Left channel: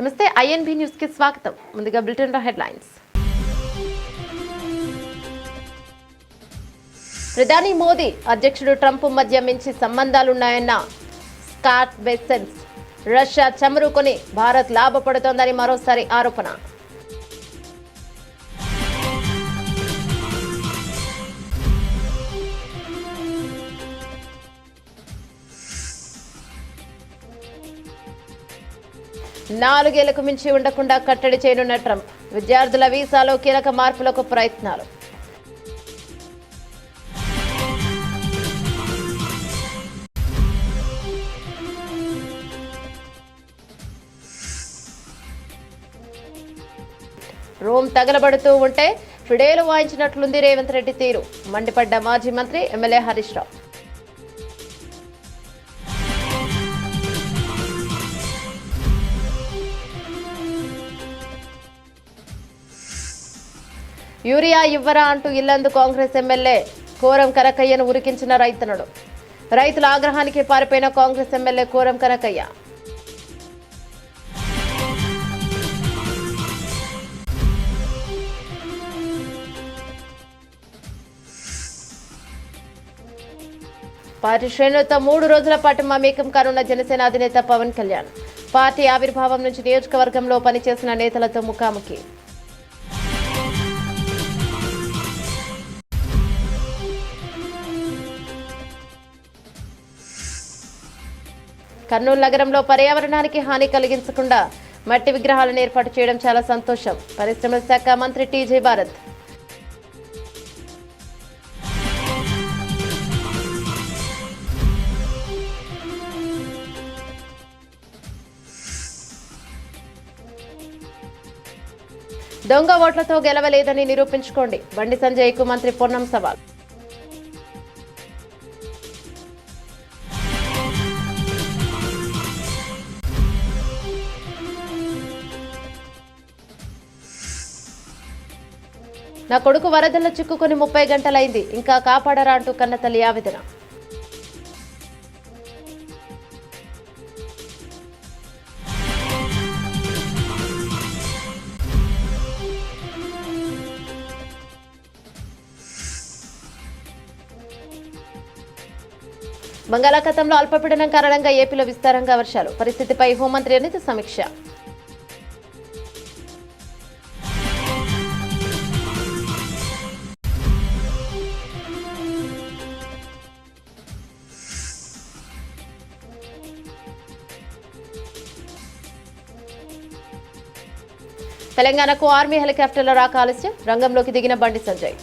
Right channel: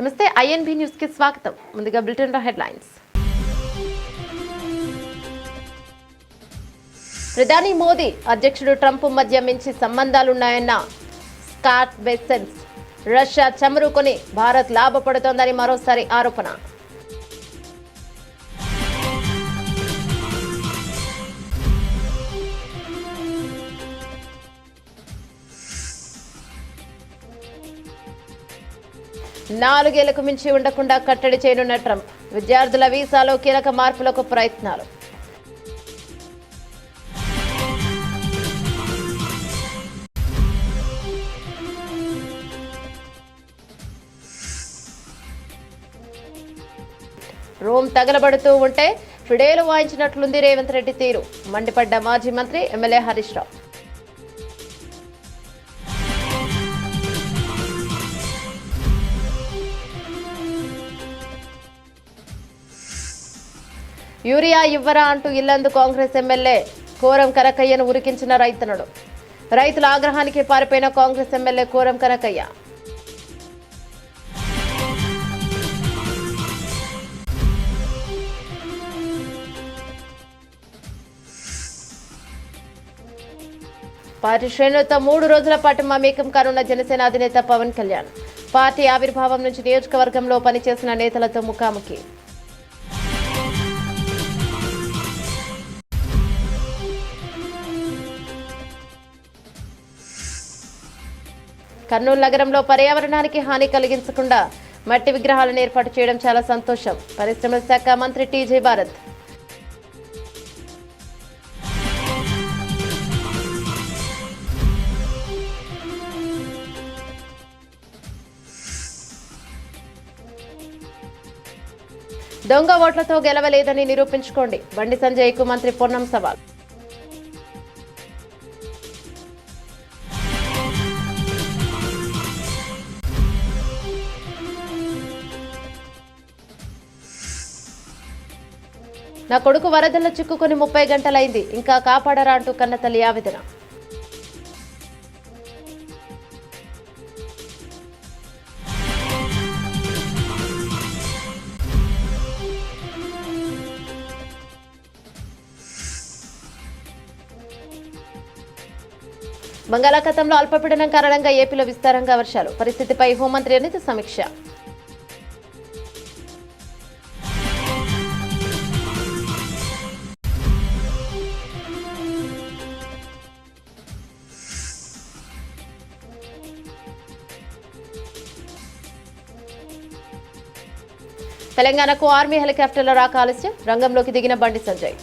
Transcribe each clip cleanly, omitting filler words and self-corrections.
నమస్తే INB news కి స్వాగతం. ముందుగా బులెటిన్ లో హెడ్లైన్స్. ప్రధాని మోదీ అధ్యక్షుడు ట్రంప్ మధ్య మంచి సంబంధాలున్నాయన్న స్కాట్ బెసెన్స్. రష్యా చమురు కొని భారత్ లాభపడుతోందని మరోసారి ఆరోపణ. నాలుగేళ్లకు మించి ఉండకుండా కట్టడి చేయనున్న ట్రంప్. విద్యార్థుల వీసాలో కీలక మార్పులకు ప్రయత్నాలు. రోమ్ తగలబడుతూ ఉంటే ఫిడేలు వాయించినట్లుంది రేవంత్ రెడ్డి తీరు. మండిపడ్డ మాజీ మంత్రి ఎమ్మెల్యే హరీష్ రావు. యూరియా ఇవ్వరా అంటూ ఇల్లందు కాంగ్రెస్ ఎమ్మెల్యే కోరం కనకయ్యను ఉరికించిన రైతనుడు. రైతుల ఆగ్రహానికి పారిపోయిన Congress MLA Koram Kanakayya. Party శ్రేణులతో 3 రోజుల పాటు మమేకం కానున్న జనసేన అధినేత పవన్ కళ్యాణ్. పార్టీ ఆవిర్భావం నుంచి నియోజకవర్గంలో పనిచేసిన నేతలతో ముఖాముఖి. కర్నూలు నగరంలో పర్యావరణానికి హాని కలిగించకుండా మట్టి విగ్రహాలను ఏర్పాటు చేయడం చాలా సంతోషం. పరిశ్రమల శాఖ మంత్రి టీజే భారత్. దొంగ ఓట్లతో గెలవలేదని నిరూపించుకోండి. బండి సంజయ్కు మంత్రి పొన్నం సవాల్. నా కొడుకు వరదల్లో చిక్కుకొని 30 గంటలైంది, ఇంకా కాపాడరా అంటూ కన్నతల్లి ఆవేదన. బంగాళాఖాతంలో అల్పపీడనం కారణంగా ఏపీలో విస్తారంగా వర్షాలు. పరిస్థితిపై హోంమంత్రి అనిత సమీక్ష. తెలంగాణకు ఆర్మీ హెలికాప్టర్ల రాక ఆలస్యం. రంగంలోకి దిగిన బండి సంజయ్.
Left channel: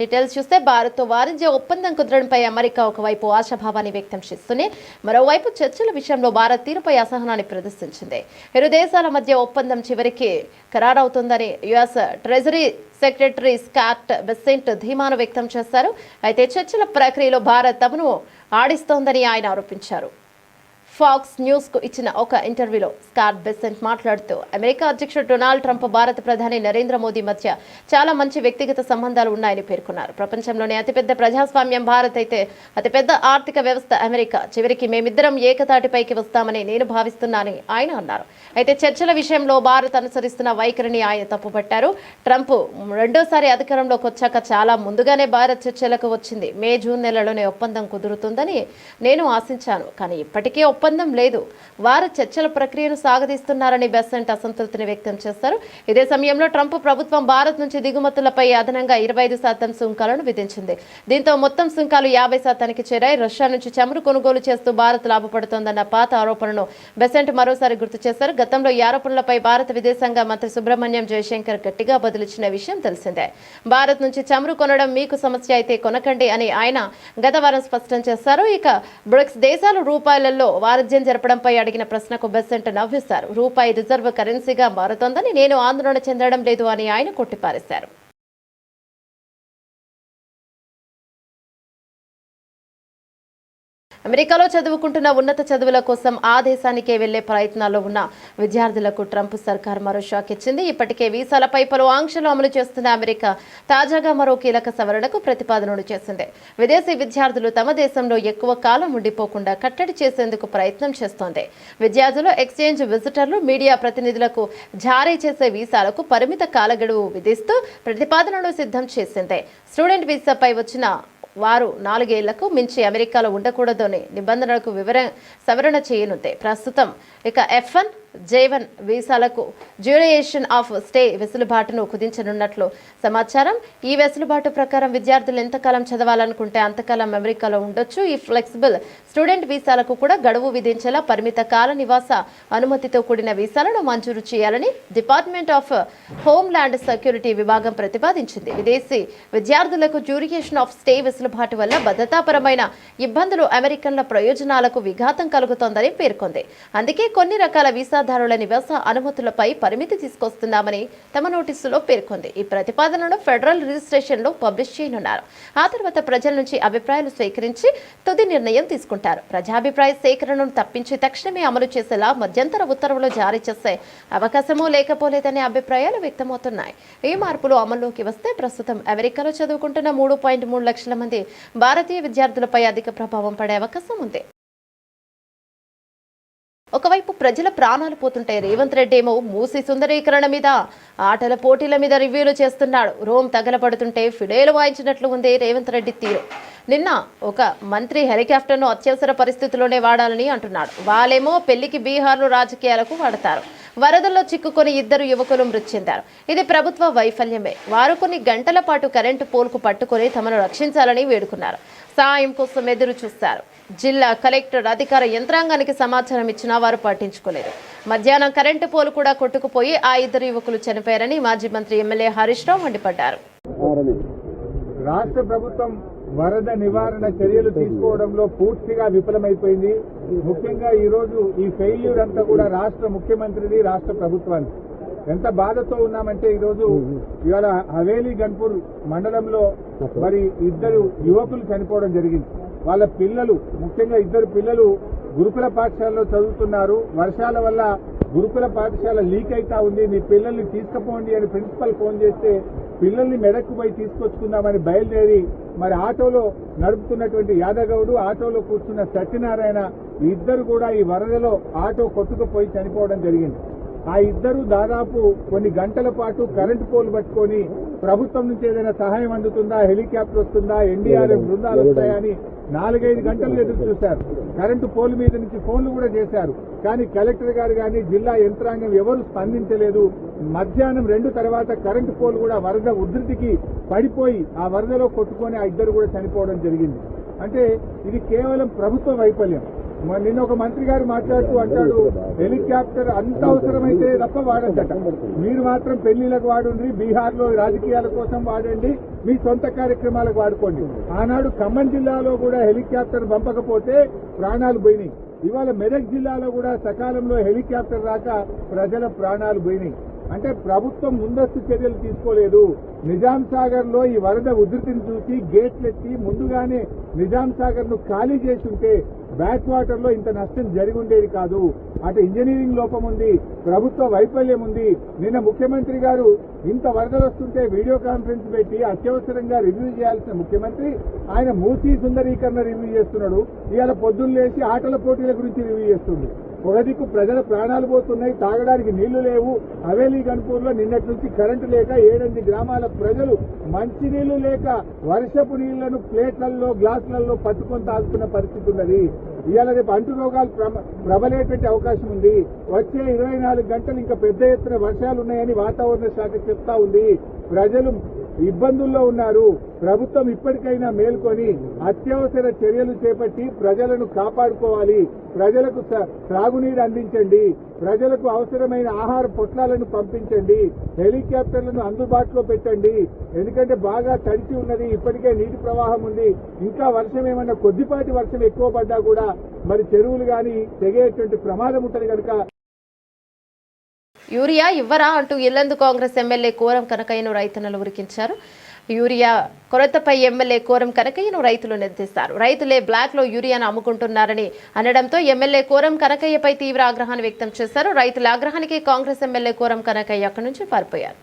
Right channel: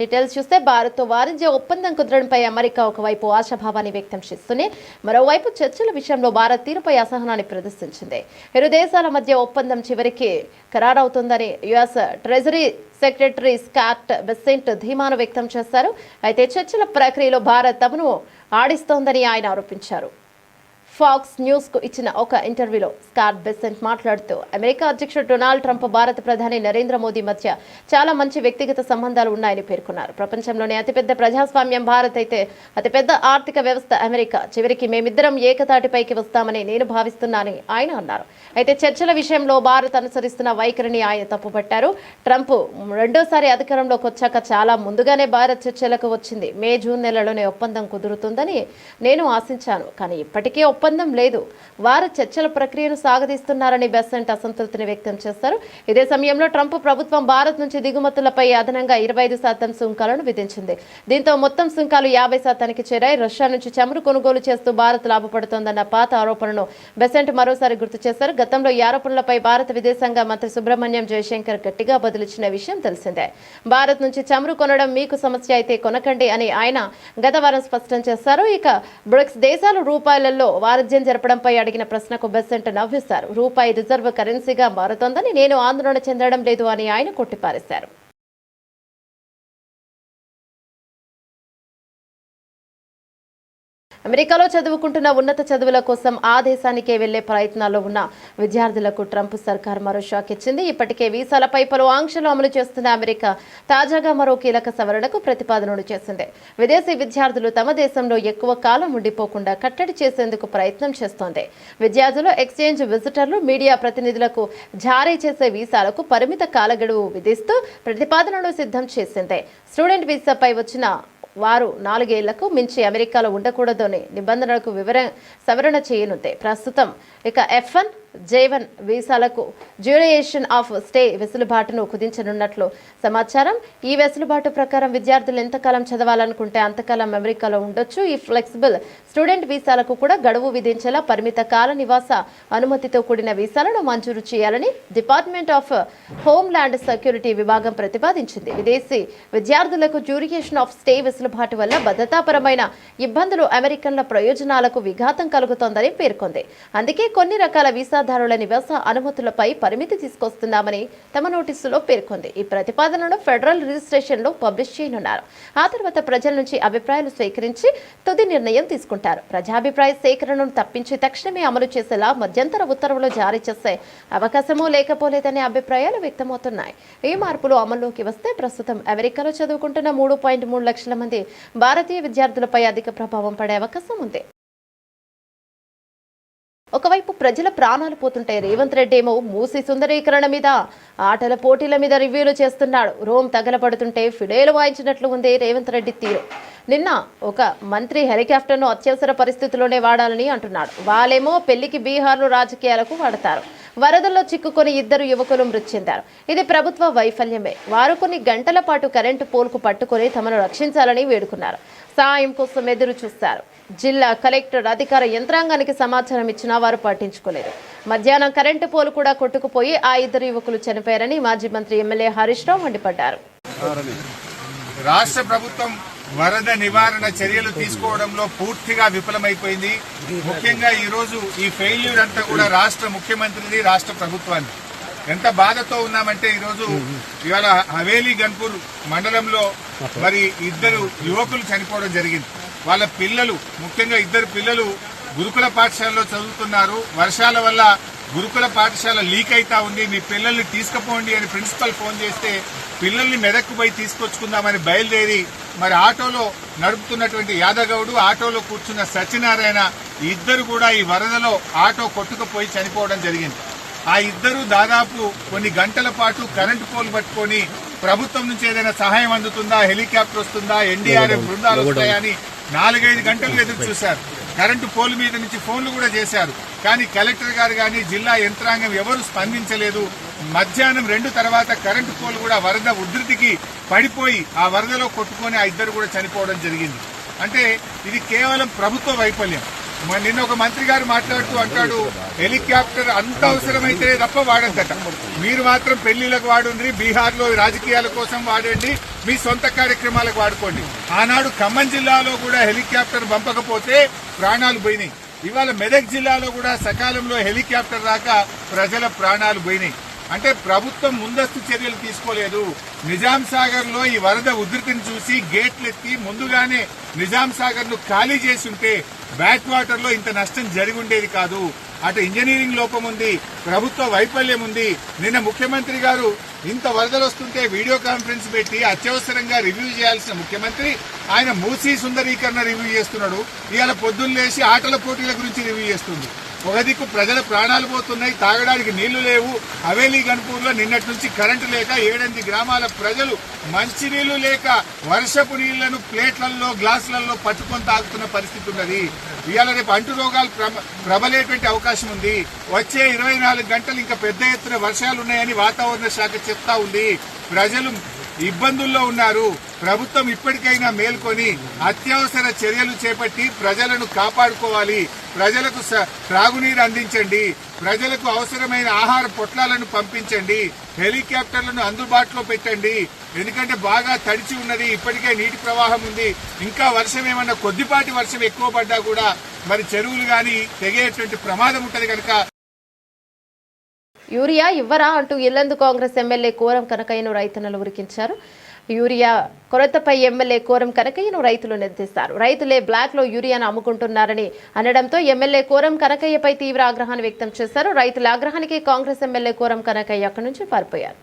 డీటెయిల్స్ చూస్తే భారత్తో వాణిజ్య ఒప్పందం కుదరడంపై అమెరికా ఒకవైపు ఆశాభావాన్ని వ్యక్తం చేస్తూనే మరోవైపు చర్చల విషయంలో భారత్ తీరుపై అసహనాన్ని ప్రదర్శించింది. ఇరు దేశాల మధ్య ఒప్పందం చివరికి ఖరారవుతుందని US treasury secretary Scott Bessent ధీమాను వ్యక్తం చేశారు. అయితే చర్చల ప్రక్రియలో భారత్ తమను ఆడిస్తోందని ఆయన ఆరోపించారు. ఫాక్స్ న్యూస్ కు ఇచ్చిన ఒక ఇంటర్వ్యూలో స్కాట్ బెసెంట్ మాట్లాడుతూ అమెరికా అధ్యక్షుడు డొనాల్డ్ ట్రంప్ భారత ప్రధాని నరేంద్ర మోదీ మధ్య చాలా మంచి వ్యక్తిగత సంబంధాలు ఉన్నాయని పేర్కొన్నారు. ప్రపంచంలోనే అతిపెద్ద ప్రజాస్వామ్యం భారత్ అయితే అతిపెద్ద ఆర్థిక వ్యవస్థ అమెరికా. చివరికి మేమిద్దరం ఏకతాటిపైకి వస్తామని నేను భావిస్తున్నానని ఆయన అన్నారు. అయితే చర్చల విషయంలో భారత్ అనుసరిస్తున్న వైఖరిని ఆయన తప్పుపట్టారు. ట్రంప్ రెండోసారి అధికారంలోకి వచ్చాక చాలా ముందుగానే భారత్ చర్చలకు వచ్చింది. మే జూన్ నెలలోనే ఒప్పందం కుదురుతుందని నేను ఆశించాను, కానీ ఇప్పటికీ ఒప్పందం లేదు. వారు చర్చల ప్రక్రియను సాగదీస్తున్నారని బెసెంట్ అసంతృప్తిని వ్యక్తం చేశారు. ఇదే సమయంలో ట్రంప్ ప్రభుత్వం భారత్ నుంచి దిగుమతులపై అదనంగా 25% సుంకాలను విధించింది. దీంతో మొత్తం సుంకాలు 50% చేరాయి. రష్యా నుంచి చమురు కొనుగోలు చేస్తూ భారత్ లాభపడుతోందన్న పాత ఆరోపణను బెసెంట్ మరోసారి గుర్తు చేశారు. గతంలో ఈ ఆరోపణలపై భారత విదేశాంగ మంత్రి సుబ్రహ్మణ్యం జయశంకర్ గట్టిగా బదులిచ్చిన విషయం తెలిసిందే. భారత్ నుంచి చమురు కొనడం మీకు సమస్య అయితే కొనకండి అని ఆయన గత వారం స్పష్టం చేశారు. ఇక బ్రిక్స్ దేశాలు రూపాయలలో వాణిజ్యం జరపడంపై అడిగిన ప్రశ్నకు బెసెంట్ నవ్విస్తారు. రూపాయి రిజర్వ్ కరెన్సీగా మారుతోందని నేను ఆందోళన చెందడం లేదు అని ఆయన కొట్టిపారేశారు. అమెరికాలో చదువుకుంటున్న ఉన్నత చదువుల కోసం ఆ దేశానికే వెళ్లే ప్రయత్నాల్లో ఉన్న విద్యార్థులకు ట్రంప్ సర్కార్ మరో షాక్ ఇచ్చింది. ఇప్పటికే వీసాలపై పలు ఆంక్షలు అమలు చేస్తున్న అమెరికా తాజాగా మరో కీలక సవరణకు ప్రతిపాదనలు చేసింది. విదేశీ విద్యార్థులు తమ దేశంలో ఎక్కువ కాలం ఉండిపోకుండా కట్టడి చేసేందుకు ప్రయత్నం చేస్తోంది. విద్యార్థులు, ఎక్స్చేంజ్ విజిటర్లు, మీడియా ప్రతినిధులకు జారీ చేసే వీసాలకు పరిమిత కాలగడువు విధిస్తూ ప్రతిపాదనలు సిద్ధం చేసింది. స్టూడెంట్ వీసాపై వచ్చిన వారు 4 ఏళ్లకు మించి అమెరికాలో ఉండకూడదని నిబంధనలకు సవరణ చేయనుంది. ప్రస్తుతం ఇక F1, J1 వీసాలకు డ్యూరేషన్ ఆఫ్ స్టే వెసులుబాటును కుదించనున్నట్లు సమాచారం. ఈ వెసులుబాటు ప్రకారం విద్యార్థులు ఎంతకాలం చదవాలనుకుంటే అంతకాలం అమెరికాలో ఉండొచ్చు. ఈ ఫ్లెక్సిబుల్ స్టూడెంట్ వీసాలకు కూడా గడువు విధించేలా పరిమిత కాల నివాస అనుమతితో కూడిన వీసాలను మంజూరు చేయాలని డిపార్ట్మెంట్ ఆఫ్ హోమ్ల్యాండ్ సెక్యూరిటీ విభాగం ప్రతిపాదించింది. విదేశీ విద్యార్థులకు డ్యూరేషన్ ఆఫ్ స్టే వెసులుబాటు వల్ల భద్రతాపరమైన ఇబ్బందులు, అమెరికన్ల ప్రయోజనాలకు విఘాతం కలుగుతోందని పేర్కొంది. అందుకే కొన్ని రకాల వీసాదారుల నివాస అనుమతులపై పరిమితి తీసుకొస్తున్నామని తమ నోటీసులో పేర్కొంది. ఈ ప్రతిపాదనను ఫెడరల్ రిజిస్ట్రేషన్లో పబ్లిష్ చేయనున్నారు. ఆ తర్వాత ప్రజల నుంచి అభిప్రాయాలు స్వీకరించి తుది నిర్ణయం తీసుకుంటారు. ప్రజాభిప్రాయ సేకరణను తప్పించి తక్షణమే అమలు చేసేలా మధ్యంతర ఉత్తర్వులు జారీ చేసే అవకాశమూ లేకపోలేదనే అభిప్రాయాలు వ్యక్తమవుతున్నాయి. ఈ మార్పులు అమల్లోకి వస్తే ప్రస్తుతం అమెరికాలో చదువుకుంటున్న 3.3 లక్షల మంది భారతీయ విద్యార్థులపై అధిక ప్రభావం పడే అవకాశం ఉంది. ఒకవైపు ప్రజల ప్రాణాలు పోతుంటే రేవంత్ రెడ్డి ఏమో మూసీ సుందరీకరణ మీద, ఆటల పోటీల మీద రివ్యూలు చేస్తున్నాడు. రోమ్ తగలబడుతుంటే ఫిడేలు వాయించినట్లు ఉంది రేవంత్ రెడ్డి తీరు. నిన్న ఒక మంత్రి హెలికాప్టర్ను అత్యవసర పరిస్థితుల్లోనే వాడాలని అంటున్నాడు. వాళ్ళేమో పెళ్లికి బీహార్లో రాజకీయాలకు వాడతారు. వరదల్లో చిక్కుకొని 2 యువకులు మృతి చెందారు. ఇది ప్రభుత్వ వైఫల్యమే. వారు కొన్ని గంటల పాటు కరెంటు పోల్కు పట్టుకొని తమను రక్షించాలని వేడుకున్నారు. సాయం కోసం ఎదురు చూస్తారు. జిల్లా కలెక్టర్ అధికార యంత్రాంగానికి సమాచారం ఇచ్చినా వారు పట్టించుకోలేదు. మధ్యాహ్నం కరెంటు పోలు కూడా కొట్టుకుపోయి ఆ 2 యువకులు చనిపోయారని మాజీ మంత్రి ఎమ్మెల్యే హరీష్ రావు మండిపడ్డారు. రాష్ట్ర ప్రభుత్వం వరద నివారణ చర్యలు తీసుకోవడంలో పూర్తిగా విఫలమైపోయింది. ముఖ్యంగా ఈ రోజు ఈ ఫెయిల్యూర్ అంతా కూడా రాష్ట్ర ముఖ్యమంత్రిది, రాష్ట్ర ప్రభుత్వాన్ని. ఎంత బాధతో ఉన్నామంటే ఇవాళ హవేలీ గన్పూర్ మండలంలో మరి 2 యువకులు చనిపోవడం జరిగింది. వాళ్ళ పిల్లలు, ముఖ్యంగా 2 పిల్లలు గురుకుల పాఠశాలలో చదువుతున్నారు. వర్షాల వల్ల గురుకుల పాఠశాల లీక్ అయితా ఉంది. మీ పిల్లల్ని తీసుకుపోండి అని ప్రిన్సిపల్ ఫోన్ చేస్తే పిల్లల్ని మెదక్కు పోయి తీసుకొచ్చుకుందామని బయలుదేరి మరి ఆటోలో నడుపుతున్నటువంటి యాదగౌడు, ఆటోలో కూర్చున్న సత్యనారాయణ 2 కూడా ఈ వరదలో ఆటో కొట్టుకుపోయి చనిపోవడం జరిగింది. ఆ 2 దాదాపు కొన్ని గంటల పాటు కరెంటు పోల్ పట్టుకొని ప్రభుత్వం నుంచి ఏదైనా సహాయం అందుతుందా, హెలికాప్టర్ వస్తుందా, ఎన్డీఆర్ఎఫ్ బృందాలు వస్తాయా అని 4-5 గంటలు ఎదురు చూశారు. కరెంటు పోల్ మీద నుంచి ఫోన్లు కూడా చేశారు. కానీ కలెక్టర్ గారు కానీ జిల్లా యంత్రాంగం ఎవరు స్పందించలేదు. మధ్యాహ్నం 2 తర్వాత కరెంటు పోల్ కూడా వరద ఉధృతికి పడిపోయి ఆ వరదలో కొట్టుకొని ఆ 2 కూడా చనిపోవడం జరిగింది. అంటే ఇది కేవలం ప్రభుత్వ వైఫల్యం. నిన్న ఒక మంత్రి గారు మాట్లాడుతూ అంటాడు, హెలికాప్టర్ అంత అవసరమైతే తప్ప వాడద్దట. మీరు మాత్రం పెళ్లిలకు వాడుండ్రి, బీహార్ లో రాజకీయాల కోసం వాడండి, మీ సొంత కార్యక్రమాలకు వాడుకోండి. ఆనాడు ఖమ్మం జిల్లాలో కూడా హెలికాప్టర్ పంపకపోతే ప్రాణాలు పోయినాయి. ఇవాళ మెదక్ జిల్లాలో కూడా సకాలంలో హెలికాప్టర్ రాక ప్రజల ప్రాణాలు పోయినాయి. అంటే ప్రభుత్వం ముందస్తు చర్యలు తీసుకోలేదు. నిజాం సాగర్ లో ఈ వరద ఉధృతిని చూసి గేట్లెత్తి ముందుగానే నిజాం సాగర్ ను ఖాళీ చేసి ఉంటే బ్యాక్ వాటర్ లో ఇంత నష్టం జరిగి ఉండేది కాదు. అటు ఇంజనీరింగ్ లోపం ఉంది, ప్రభుత్వ వైఫల్యం ఉంది. నిన్న ముఖ్యమంత్రి గారు ఇంత వరదలు వస్తుంటే వీడియో కాన్ఫరెన్స్ పెట్టి అత్యవసరంగా రివ్యూ చేయాల్సిన ముఖ్యమంత్రి ఆయన మూసీ సుందరీకరణ రివ్యూ చేస్తున్నాడు. ఇవాళ పొద్దున్న లేచి ఆటల పోటీల గురించి రివ్యూ చేస్తుంది. ఒక దిక్కు ప్రజల ప్రాణాలు పోతున్నాయి, తాగడానికి నీళ్లు లేవు. హవేలీ గన్పూర్ లో నిన్నటి నుంచి కరెంటు లేక 7-8 గ్రామాల ప్రజలు మంచినీళ్లు లేక వర్షపు నీళ్లను ప్లేట్లలో, గ్లాసులలో పట్టుకొని తాగుతున్న పరిస్థితి ఉన్నది. ఇవాళ రేపు అంటు రోగాలు ప్రబలేటువంటి అవకాశం ఉంది. వచ్చే 24 గంటలు ఇంకా పెద్ద ఎత్తున వర్షాలున్నాయని వాతావరణ శాఖ చెప్తా ఉంది. ప్రజలు ఇబ్బందుల్లో ఉన్నారు. ప్రభుత్వం ఇప్పటికైనా మేల్కొని అత్యవసర చర్యలు చేపట్టి ప్రజలను కాపాడుకోవాలి. ప్రజలకు త్రాగునీరు అందించండి, ప్రజలకు అవసరమైన ఆహార పొట్లాలను పంపించండి, హెలికాప్టర్లను అందుబాటులో పెట్టండి. ఎందుకంటే బాగా తడిచి ఉన్నది, ఇప్పటికే నీటి ప్రవాహం ఉంది. ఇంకా వర్షం ఏమన్నా కొద్దిపాటి వర్షం ఎక్కువ పడ్డా కూడా మరి చెరువులు గాని తెగేటువంటి ప్రమాదం ఉంటది కనుక యూరియా ఇవ్వరా అంటూ ఇల్లందు కాంగ్రెస్ ఎమ్మెల్యే కోరం కనకయ్యను రైతన్నలు ఉరికించారు. యూరియా కొరతపై ఎమ్మెల్యే కోరం కనకయ్యను రైతులు నిలదీశారు. రైతులే బ్లాక్ లో యూరియాను అమ్ముకుంటున్నారని అనడంతో ఎమ్మెల్యే కోరం కనకయ్యపై తీవ్ర ఆగ్రహాన్ని వ్యక్తం చేశారు. రైతుల ఆగ్రహానికి కాంగ్రెస్ ఎమ్మెల్యే కోరం కనకయ్య అక్కడి నుంచి పారిపోయారు.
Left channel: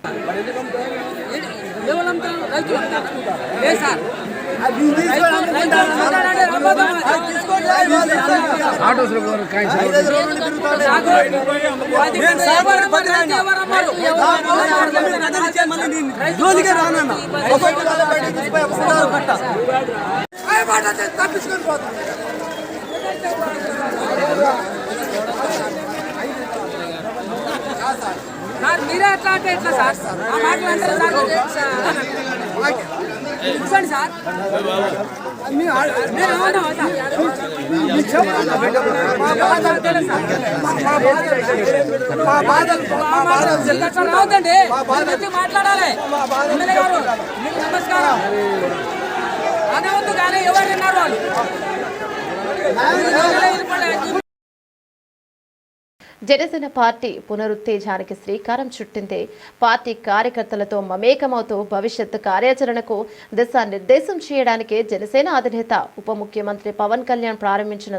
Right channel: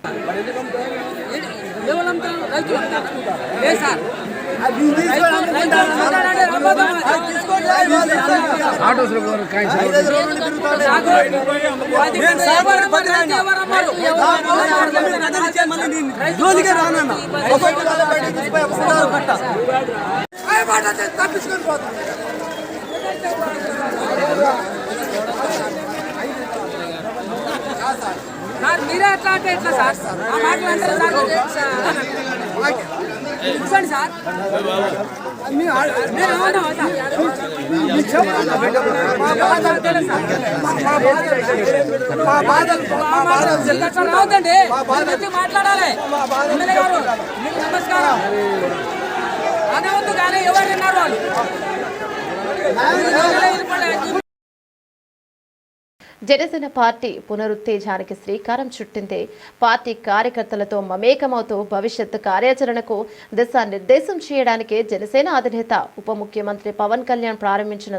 మీరే ఎట్లా అంటే ఎట్లా సార్ ఆ మాటలు అంటారు సార్ సార్ అవుతండి మాట్లాడాలి ఎమ్మెల్యే గారు మీకు నమస్కారం అనవద్దు కానీ ఎవరు విన్నారు వాళ్ళు జనసేన పార్టీ పునరుత్తేజానికి శ్రీకారం చుట్టింది. పార్టీ కార్యకర్తలతో మమేకమవుతూ భవిష్యత్తు కార్యాచరణకు దిశానిర్దేశం చేయడానికి జనసేన అధినేత ఉప ముఖ్యమంత్రి పవన్ కళ్యాణ్ ప్రారంభించిన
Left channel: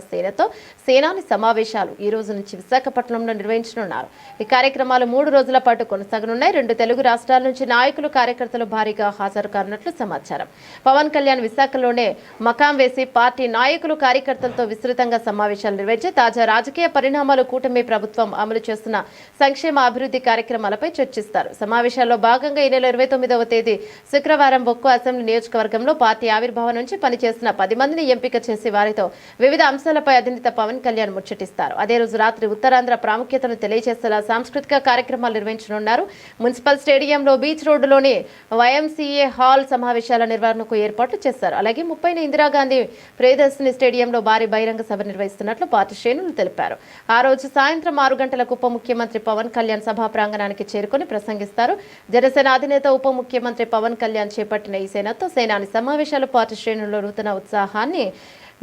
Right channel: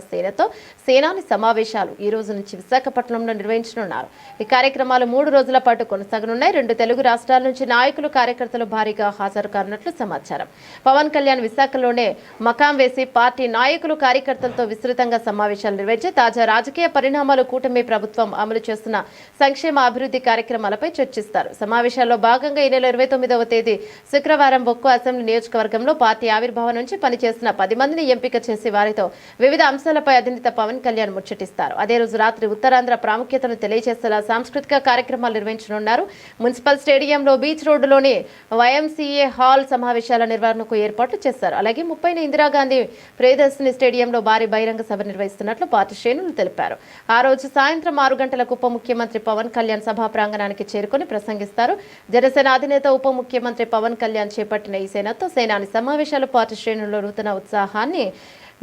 సేనాని సమావేశాలు ఈ రోజు నుంచి విశాఖపట్నంలో నిర్వహించనున్నారు. ఈ కార్యక్రమాలు 3 రోజుల పాటు కొనసాగనున్నాయి. 2 తెలుగు రాష్ట్రాల నుంచి నాయకులు కార్యకర్తలు భారీగా హాజరు కానున్నట్లు సమాచారం. పవన్ కళ్యాణ్ విశాఖలోనే మకాం వేసి పార్టీ నాయకులు కార్యకర్తలతో విస్తృతంగా సమావేశాలు నిర్వహించి తాజా రాజకీయ పరిణామాలు, కూటమి ప్రభుత్వం అమలు చేస్తున్న సంక్షేమ అభివృద్ధి కార్యక్రమాలపై చర్చిస్తారు. సమావేశాల్లో భాగంగా ఈ నెల 29వ తేదీ శుక్రవారం బొక్కు అసెంబ్లీ నియోజకవర్గంలో పార్టీ ఆవిర్భావం నుంచి పనిచేసిన 10 మందిని ఎంపిక చేసి వారితో వివిధ అంశాలపై అధినేత పవన్ కళ్యాణ్ ముచ్చటిస్తారు. అదే రోజు రాత్రి ఉత్తరాంధ్ర ప్రాముఖ్యతను తెలియజేసేలా సాంస్కృతిక కార్యక్రమాలు నిర్వహించనున్నారు. మున్సిపల్ స్టేడియంలో బీచ్ రోడ్డులోని వైఎంసీఏ హాల్ సమావేశాల నిర్వహణకు ఏర్పాట్లు చేశారు. అలాగే 30న ఇందిరాగాంధీ ప్రియదర్శిని స్టేడియంలో భారీ బహిరంగ సభ నిర్వహిస్తున్నట్లు పార్టీ శ్రేణులు తెలిపారు. ఆ రోజు సాయంత్రం 6 గంటలకు ఉప ముఖ్యమంత్రి పవన్ కళ్యాణ్ సభా ప్రాంగణానికి చేరుకుని ప్రసంగిస్తారు. జనసేన అధినేత ఉప ముఖ్యమంత్రి పవన్ కళ్యాణ్ చేపట్టిన ఈ సేనాని సమావేశాలు పార్టీ శ్రేణుల్లో నూతన ఉత్సాహాన్ని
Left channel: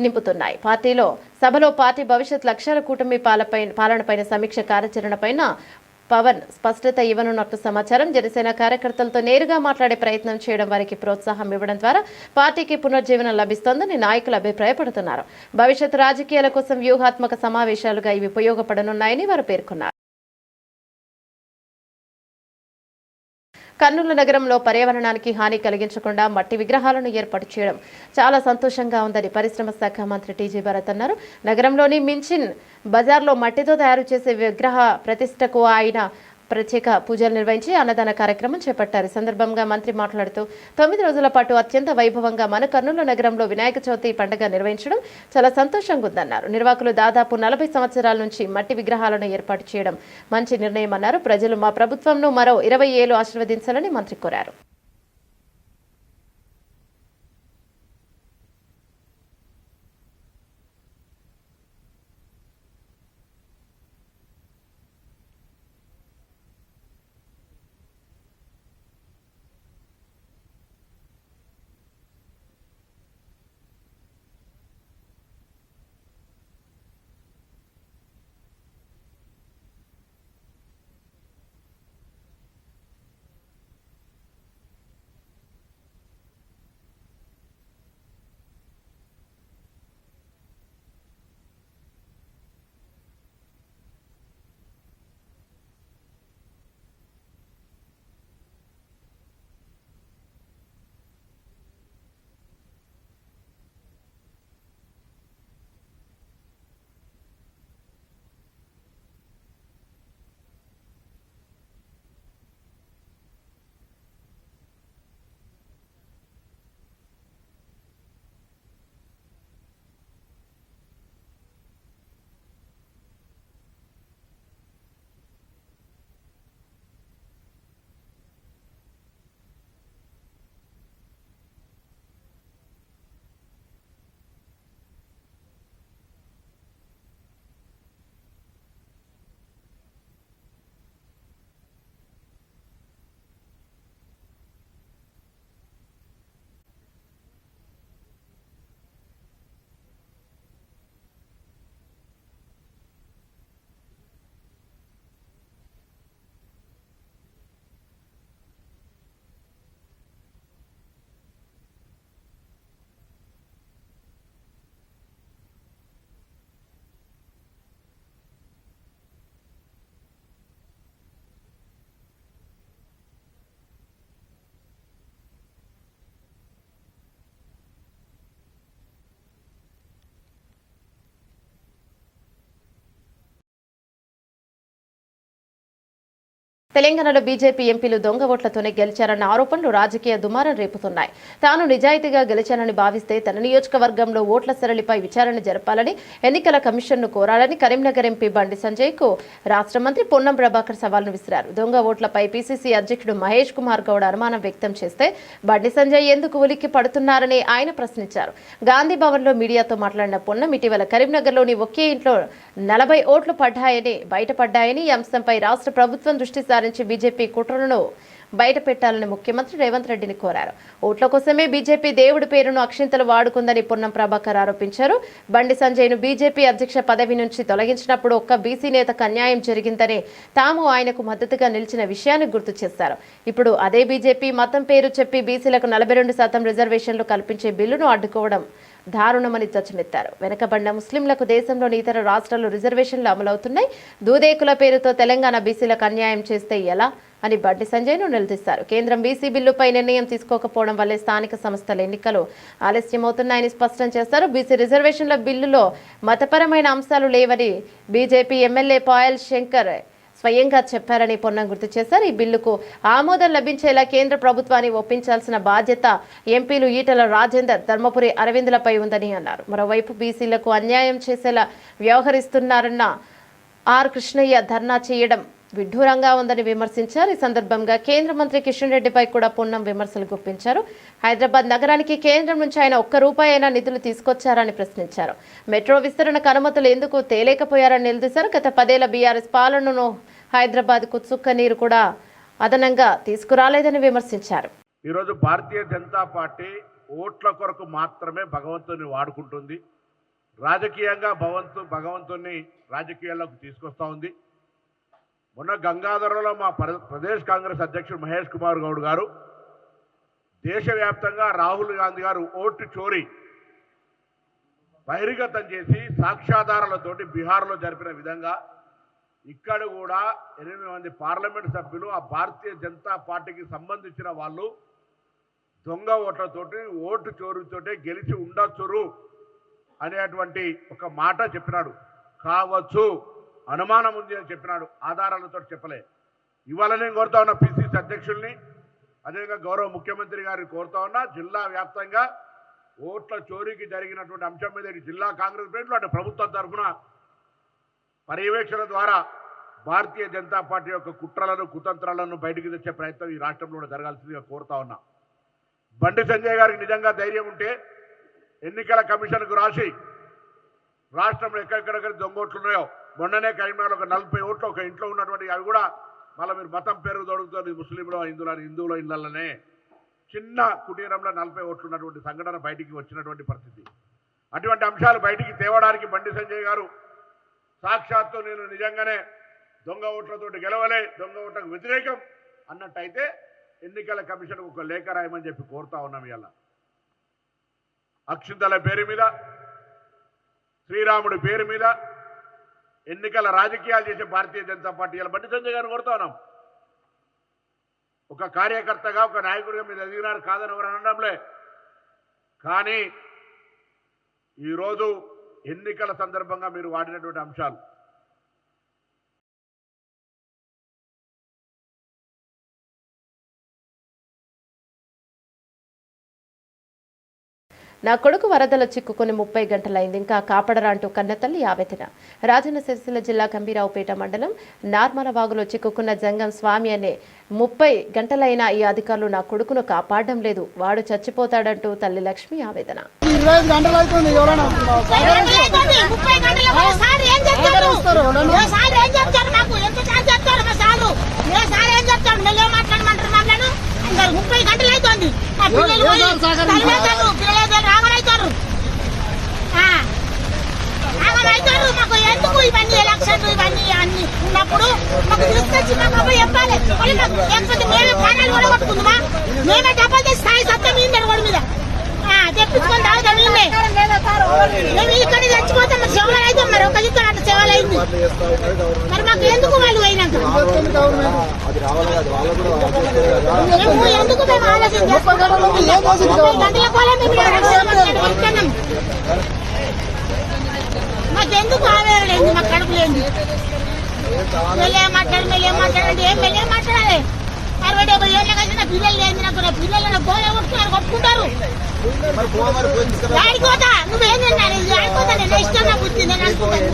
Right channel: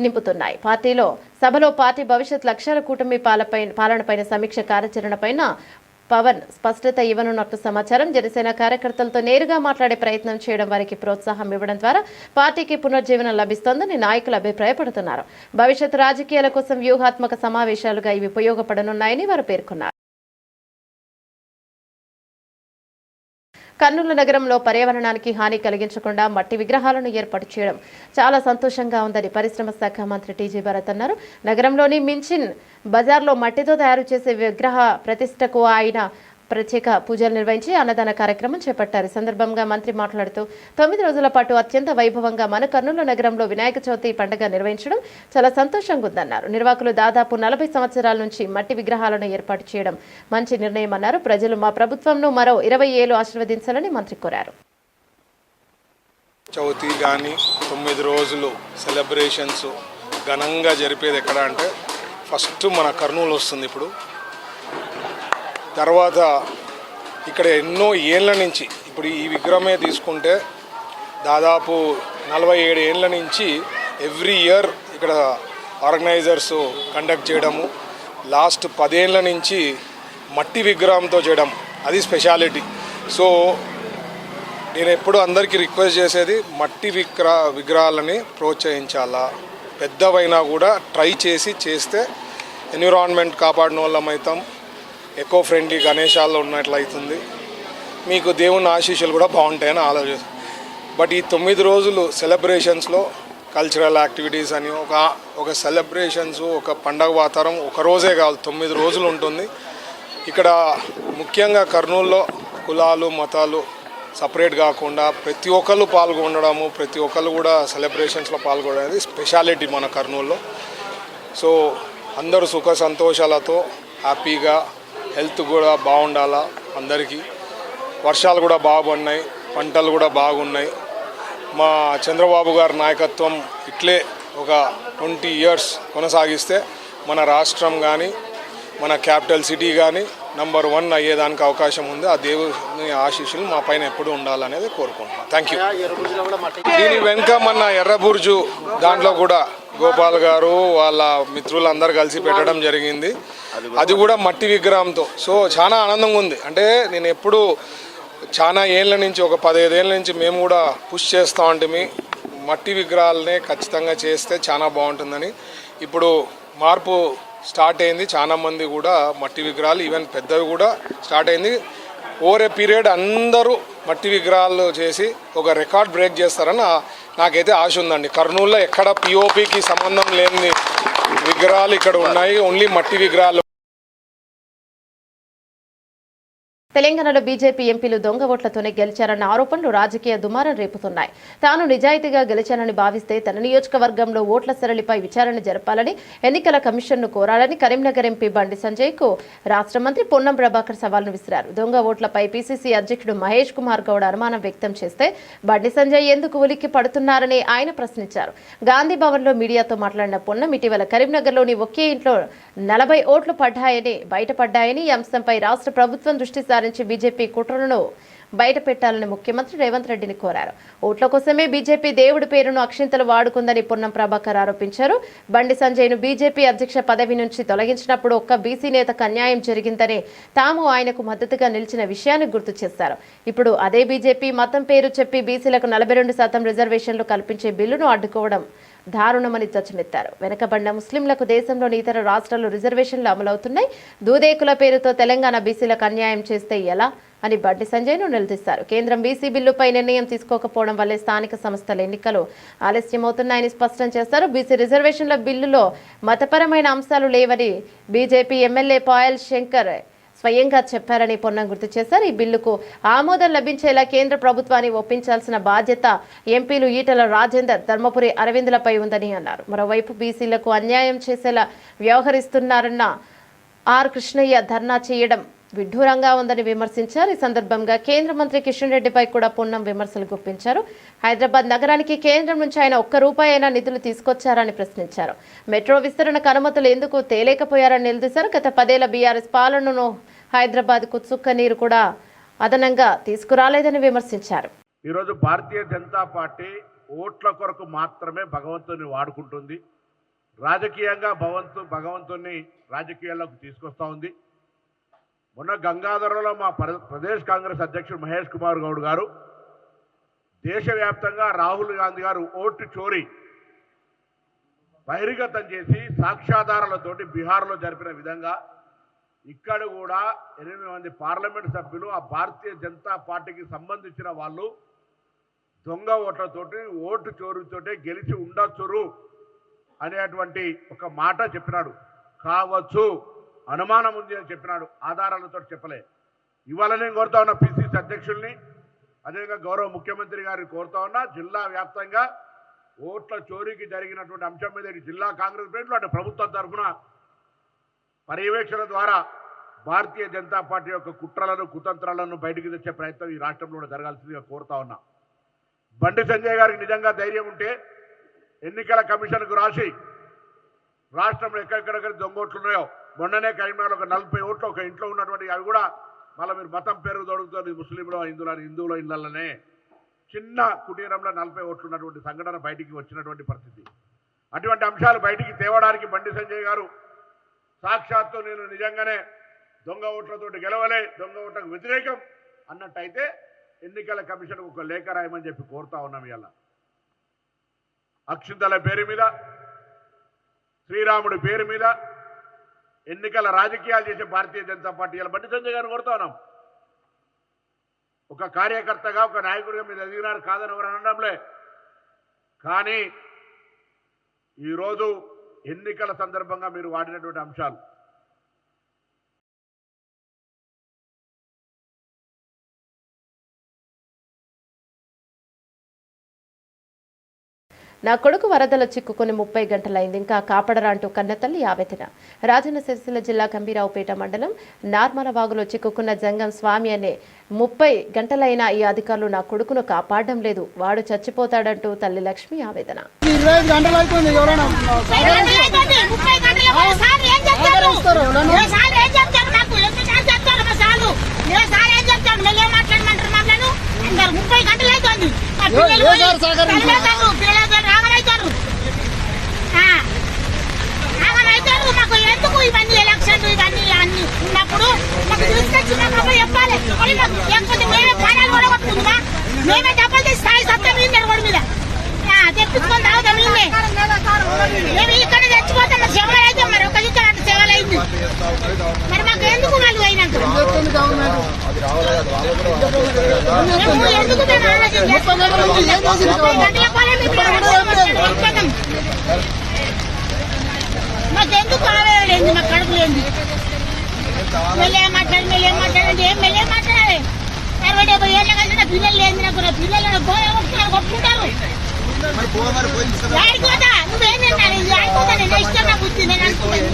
నింపుతున్నాయి. సభలో పార్టీ భవిష్యత్ లక్ష్యాల, కూటమి పాలనపైన సమీక్ష, కార్యాచరణపైన పవన్ స్పష్టత ఇవ్వనున్నట్లు సమాచారం. జనసేన కార్యకర్తలతో నేరుగా మాట్లాడే ప్రయత్నం చేయడం, వారికి ప్రోత్సాహం ఇవ్వడం ద్వారా పార్టీకి పునర్జీవనం లభిస్తోందని నాయకులు అభిప్రాయపడుతున్నారు. భవిష్యత్ రాజకీయాల కోసం వ్యూహాత్మక సమావేశాలుగా ఇవి ఉపయోగపడనున్నాయని వారు పేర్కొన్నారు. కర్నూలు నగరంలో పర్యావరణానికి హాని కలిగించకుండా మట్టి విగ్రహాలను ఏర్పాటు చేయడం చాలా సంతోషంగా ఉందని పరిశ్రమ శాఖ మంత్రి టీజీ భరత్ అన్నారు. నగరంలోని మించిన్ బజార్లో మట్టితో తయారు చేసే విగ్రహ ప్రతిష్టకు ఆయన ప్రత్యేక పూజలు నిర్వహించి అన్నదాన కార్యక్రమం చేపట్టారు. ఈ సందర్భంగా మంత్రి మాట్లాడుతూ 9 రోజుల పాటు అత్యంత వైభవంగా మన కర్నూలు నగరంలో వినాయక చవితి పండుగ నిర్వహించడం చాలా సంతోషంగా ఉందన్నారు. నిర్వాహకులు దాదాపు 40 సంవత్సరాల నుంచి మట్టి విగ్రహాలను ఏర్పాటు చేయడం మంచి నిర్ణయం అన్నారు. ప్రజలు మా ప్రభుత్వంను మరో 20 ఏళ్లు ఆశీర్వదించాలని మంత్రి కోరారు. చవితి కానీ 9 రోజులు సెలబ్రేషన్స్ ఘనంగా జరిపేది ఎక్కడ అంటే ఫస్ట్ మన కర్నూలు వస్తుంది. ఇప్పుడు తర్వాత ఇక్కడ ఎన్నో ఏళ్ళ నుంచి ఇప్పుడు ఈ విగ్రహమే తీసుకుంటే దాదాపు 47 ఏళ్ళ నుంచి ఎవ్రీ ఇయర్ ఇక్కడ ఆర్గనైజర్స్ కండక్ట్ చేయడము, లాస్ట్ 10 ఏళ్ళ నుంచి మట్టి విగ్రహంతో చేయడం, అది స్పెషాలిటీ. సో నేను ఎప్పుడు అందరికీ రిక్వెస్ట్ చేసేది మట్టి విగ్రహాలని ప్రోత్సహించాలా, పెద్దవైనా కూడా ట్రై చేస్తే ఎన్విరాన్మెంట్ కాపాడిన వాళ్ళం అవుతాం, ఎకో ఫ్రెండ్లీ గణేశాల్లో ఉన్నట్లయితుంది, మీకు దేవుని ఆశీస్సులు కూడా బాగుంటాయని ఆలోచిస్తాను. బట్ ఈ 9 రోజులు సెలబ్రేషన్స్లో కల్చరల్ యాక్టివిటీస్ అని ఒక సెలబ్రేషన్స్, ఒక పండగ వాతావరణం ఒక రోజే కాదు 9 రోజులు ఉంటుంది. ఇక్కడ ముఖ్యంగా కర్నూలులో కులాలు మతాలు సపరేట్ కాకుండా ప్రతి ఒక్కళ్ళు పాల్గొనడము, ప్రతి ఒక్కళ్ళు కూడా సెలబ్రేషన్స్లో పాల్గొనడం అనేది స్పెషాలిటీ మన కర్నూలులో. సో అందరూ సుఖ సంతోషాలతో హ్యాపీగా, హెల్త్ కూడా బాగుండాలా అందరికీ. వర్షాలు కూడా బాగున్నాయి, పంటలు కూడా బాగున్నాయి. మా చంద్రబాబు గారి నాయకత్వం ఇట్లే ఒక 20 years కొనసాగిస్తే మన రాష్ట్రం కానీ మన క్యాపిటల్ సిటీ కానీ నంబర్ 1 అయ్యేదానికి అవకాశం ఉంది. ఆ దేవుని ఆశీస్సులు మా పైన ఎప్పుడు ఉండాలనేది కోరుకుంటున్నాం. Thank you. దీని వెనుక మన ఎర్రబుర్జు దాంట్లో కూడా గోపాల్ గారు వాళ్ళ మిత్రులందరూ కలిసి పెట్టడం జరిగింది. అది కూడా మట్టి విగ్రహంతో. సో చాలా ఆనందంగా ఉంది. అంటే నేను ఎప్పుడు చాలా ఏళ్ళ నుంచి ఒక 15 ఏళ్ళ నుంచి మేము కూడా పుష్ చేస్తూ ఉంటే మట్టి విగ్రహాలనే ఖచ్చితంగా చేస్తే చాలా బాగుంటుందని ఇప్పుడు మార్పు స్టార్ట్ అయింది. చాలా మంది కూడా మట్టి విగ్రహాలు ఈవెన్ పెద్దవి కూడా స్టార్ట్ అయింది. ఓవర్ ఏ పీరియడ్ అందరూ మట్టి విగ్రహాలు చేసి ఒక రికార్డ్ బ్రేక్ చేస్తారని నాకైతే ఆశ ఉందండి. కర్నూలులో ఎక్కడ పిఓపికి సంబంధం లేని విగ్రహాలు ఇక్కడ ఉన్నాయి, ఓన్లీ మట్టి విగ్రహాలు. తెలంగాణలో బీజేపీ ఎంపీలు దొంగ ఓట్లతోనే గెలిచారన్న ఆరోపణలు రాజకీయ దుమారం రేపుతున్నాయి. తాను నిజాయితీగా గెలిచానని భావిస్తే తన నియోజకవర్గంలో ఓట్ల సరళిపై విచారణ జరపాలని ఎన్నికల కమిషన్ను కోరాలని కరీంనగర్ ఎంపీ బండి సంజయ్కు రాష్ట్ర మంత్రి పొన్నం ప్రభాకర్ సవాల్ను విసిరారు. దొంగ ఓట్లపై పీసీసీ అధ్యక్షుడు మహేష్ కుమార్ గౌడ్ అనుమానం వ్యక్తం చేస్తే బండి సంజయ్ ఎందుకు ఉలిక్కి పడుతున్నారని ఆయన ప్రశ్నించారు. గాంధీ భవన్లో మీడియాతో మాట్లాడిన పొన్నం ఇటీవల కరీంనగర్లోని ఒకే ఇంట్లో 40 ఓట్లు పడ్డాయని బయటపడ్డాయని ఈ అంశంపై రాష్ట్ర ప్రభుత్వం దృష్టి సారించి బీజేపీ కుట్రలను బయట పెట్టాలని ముఖ్యమంత్రి రేవంత్ రెడ్డిని కోరారు. ఓట్ల కోసమే బీజేపీ దేవుడి పేరును అక్షింతలు వాడుకుందని పొన్నం ప్రభాకర్ ఆరోపించారు. బండి సంజయ్ను బీజేపీ అధ్యక్ష పదవి నుంచి తొలగించినప్పుడు ఒక్క బీసీ నేతకు అన్యాయం జరిగిందని తాము ఆయనకు మద్దతుగా నిలిచిన విషయాన్ని గుర్తు చేశారు. ఇప్పుడు అదే బీజేపీ మతం పేరు చెప్పి బీసీలకు 42% రిజర్వేషన్లు కల్పించే బిల్లును అడ్డుకోవడం దారుణమని ధ్వజమెత్తారు. వెనుకబడిన ముస్లింలకు దేశంలోని ఇతర రాష్ట్రాల్లో రిజర్వేషన్లు అమలవుతున్నాయి. దూదేకుల పేరుతో తెలంగాణ బీసీలకు అన్యాయం చేస్తే ఎలా అని బండి సంజయ్ను నిలదీశారు. కేంద్రం బీసీ బిల్లుపై నిర్ణయం తీసుకోకపోవడం వల్లే స్థానిక సంస్థల ఎన్నికలు ఆలస్యమవుతున్నాయని స్పష్టం చేశారు. బీసీ రిజర్వేషన్ల బిల్లులో మతపరమైన అంశాలు లేవని బీజేపీ ఎమ్మెల్యే పాయల్ శంకర్ స్వయంగా చెప్పారని పొన్నం గుర్తు చేశారు. ఈ బిల్లుకు ఆమోదం లభించేలా కేంద్ర ప్రభుత్వాన్ని ఒప్పించాల్సిన బాధ్యత ఎంపీలు ఈటల రాజేందర్, ధర్మపురి అరవిందులపై ఉందని అన్నారు. మరోవైపు బీసీలకు అన్యాయం చేసేలా వ్యవహరిస్తున్నారన్న ఆర్ కృష్ణయ్య ధర్నా చేయడం విడ్డూరంగా ఉందని విమర్శించారు. ఈ సందర్భంగా కేంద్ర మంత్రి కిషన్ రెడ్డిపై కూడా పొన్నం విమర్శలు గుప్పించారు. హైదరాబాద్ నగరానికి కేంద్రం నుంచి ఆయన ₹1 అయినా నిధులు తీసుకొచ్చారని ప్రశ్నించారు. మెట్రో విస్తరణకు అనుమతులు ఎందుకు తేలేకపోయారని నిలదీశారు. గత 10 ఏళ్ల బీఆర్ఎస్ పాలనను హైదరాబాద్కు చుక్క నీరు కూడా అదనంగా తీసుకురాలేదని విమర్శించారు. ఈరోజు భారతీయ జనతా పార్టీ ఓట్ల కొరకు మాత్రమే భగవంతుని వాడుకుంటుంది. రాజకీయంగా భగవంతుని రాజకీయాల్లోకి తీసుకొస్తా ఉంది. మొన్న గంగాధరలో మా ప్రదేశ్ కాంగ్రెస్ అధ్యక్షుడు మహేష్ కుమార్ గౌడ్ గారు దేశవ్యాప్తంగా రాహుల్ గాంధీ గారు ఓటు చోరీ బహిర్గతం చేసి సాక్ష్యాధారాలతోటి బీహార్లో జరిపిన విధంగా ఇక్కడ కూడా 8 మంది పార్లమెంట్ సభ్యులు ఆ భారతీయ జనతా పార్టీకి సంబంధించిన వాళ్ళు దొంగ ఓట్లతోటి ఓటు చోరీతోటి గెలిచి ఉండొచ్చురు అనేటువంటి ఒక మాట చెప్పినాడు. కావచ్చు, అనుమానం ఉంది అని చెప్పినాడు, ఆధారాలతో చెప్పలే. ఇవాళ నేను కోరుతా ఉన్నా పిసిసి అధ్యక్షుల్ని, అదేవిధంగా గౌరవ ముఖ్యమంత్రి గారిని కోరుతా ఉన్నా, జిల్లా వ్యాప్తంగా ఓట్ల చోరీకి జరిగినటువంటి అంశం మీద జిల్లా కాంగ్రెస్ ప్లేట్లు అటు ప్రభుత్వం తరఫున పర్యవేక్షణ ద్వారా భారతీయ జనతా పార్టీ యొక్క కుట్రలను కుతంత్రాలను బయటికి తెచ్చే ప్రయత్నం ఈ రాష్ట్రంలో కూడా జరగాల్సిందిగా కోరుతా ఉన్నా. బండి సంజయ్ గారికి నిజంగా ధైర్యం ఉంటే ఎన్నికల కమిషన్కు రాసి రాష్ట్రంలో ఎక్కడెక్కడ దొంగ ఓట్లు ఉన్నాయో, మొన్ననే కరీంనగర్లో ఒక 40 ఓట్లు ఒక ఇంట్లో ఉన్నటువంటి అవి కూడా మళ్ళీ మీరు మతం పేరు దొరుకుతుంది ముస్లింలో హిందువుల ఇళ్లలోనే చిన్న కుటీరంలో 40 ఓట్లు ఉన్నటువంటి సంఘటన బయటికి వచ్చినటువంటి పరిస్థితి. అటువంటి అంశాలు బయటికి తేవడానికి బండి సంజయ్ గారు సాక్షాత్తు నేను నిజంగానే దొంగ ఓట్లతోటి గెలవలే, దొంగ ఓట్లకు వ్యతిరేకం అన్నట్టయితే ఎన్నికల కమిషన్ ఒక లేఖ రాయమని చెప్పి కోరుతా ఉన్నాం. ఇలా అక్షింతల పేరు మీద, శ్రీరాముడి పేరు మీద ఎన్నికల రాజకీయాలు చేసే భారతీయ జనతా పార్టీ ఇలా బండి సంజయ్ గారిని కోరుతా ఉన్నాం. ఒక కార్యకర్తగా ఒక నాయకుడిగా మీరు ఎదిగినారు కాదని ఎవరు అనడంలే, కానీ ఈరోజు ఎన్నికల సందర్భంగా మీరు వాడినటువంటి అంశాలు నా కొడుకు వరదలో చిక్కుకుని 30 గంటలైంది, ఇంకా కాపాడరా అంటూ కన్నతల్లి ఆవేదన. రాజన్న సిరిసిల్ల జిల్లా గంభీరావుపేట మండలం నార్మలవాగులో చిక్కుకున్న జంగం స్వామి అనే 30 గంటలైనా ఈ అధికారులు నా కొడుకును కాపాడడం లేదు, వాడు చచ్చిపోతాడంటూ తల్లి లక్ష్మి ఆవేదన. 25 గంటలు అవుతుంది. ఎవరైనా అందరు 30 గంటలు అవుతుంది. పిల్లలు రాగలవుతారు మాకు ఎందుకు ఇవన్నీ ఎలక్షన్లు ఇవన్నీ అన్ని ఉన్నప్పుడు మాకు తీసుకొచ్చి మాకు చెప్పాలి, లేకపోతే మేమే మేము కూడా కొట్టుకుందామా? మేమే డబ్బులు తెచ్చి స్థాయి సత్తా మీద రోడ్డు మీద తెప్పించుకొని తాగుతాం మేమే. మేము ఇక్కడ చచ్చిపోతాం, మరి సేవలు అయితే మరి ఒక ఇక్కడ అట్లా సేవలు అయింది. మరి మాకు ఎందుకు వాళ్ళు అయినాక మేము ఎందుకు మేము ఆలోచన చేసుకోగలం? గంటల కోలే మేము మాకెందుకు ఆవేదలేదు, మాకు కడుపు లేదు. మెల్లేం మాట్లాడండి ఏం మెల్లేం మాట్లాడాలి. 60-70 ఏళ్ళ కలిసిన పిల్లలు లేదు నాకు. నా పిల్లలు గోళ కొట్టుకున్నారు, కొట్టుకుంటారు. ఆడిపోతా నువ్వేమన్నా ఆడిపోతా, నేను ఇష్టం నాకు బుద్ధి, నేను అనుకుంటాను.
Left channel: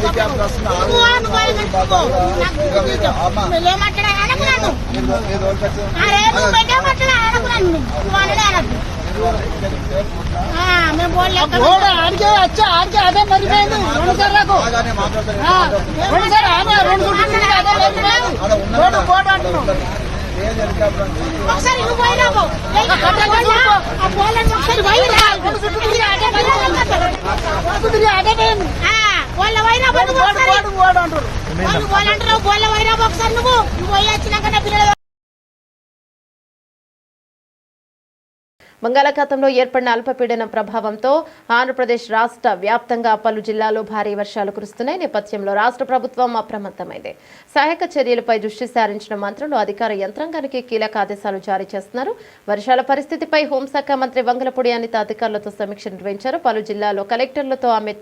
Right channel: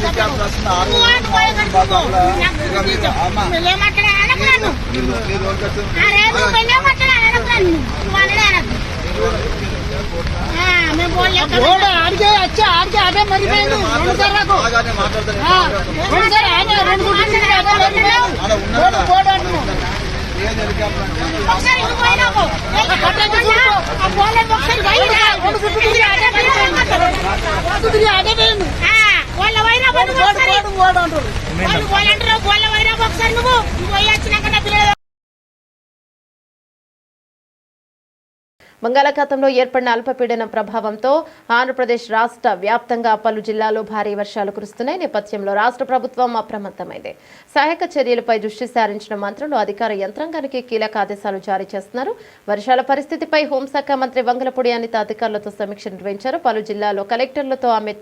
మెల్లేం మాట్లాడాలి అనకున్నాను. నువ్వు మెల్లేం మాట్లాడాలి అనకున్నాను. నువ్వు అనడే అనద్దు. మేము ఆడికే వచ్చా, ఆడికే అదే మరిపోయింది. 2 సార్లకు 2 సార్ రెండు బోర్డు అంటున్నావు. ఒకసారి వాళ్ళ వైరా వాళ్ళు వాళ్ళంటారు వాళ్ళ వైరా ఒకసారి నువ్వు పోయి వచ్చినాక నా పిల్లలు. బంగాళాఖాతంలో ఏర్పడిన అల్పపీడనం ప్రభావంతో ఆంధ్రప్రదేశ్ రాష్ట్ర వ్యాప్తంగా పలు జిల్లాల్లో భారీ వర్షాలు కురుస్తున్నాయి. నేపథ్యంలో రాష్ట్ర ప్రభుత్వం అప్రమత్తమైంది. సహాయక చర్యలపై దృష్టి సారించిన మంత్రులు అధికార యంత్రాంగానికి కీలక ఆదేశాలు జారీ చేస్తున్నారు. వర్షాల పరిస్థితిపై హోంశాఖ మంత్రి వంగలపూడి అనిత అధికారులతో సమీక్ష నిర్వహించారు. పలు జిల్లాల్లో కలెక్టర్లతో ఆమె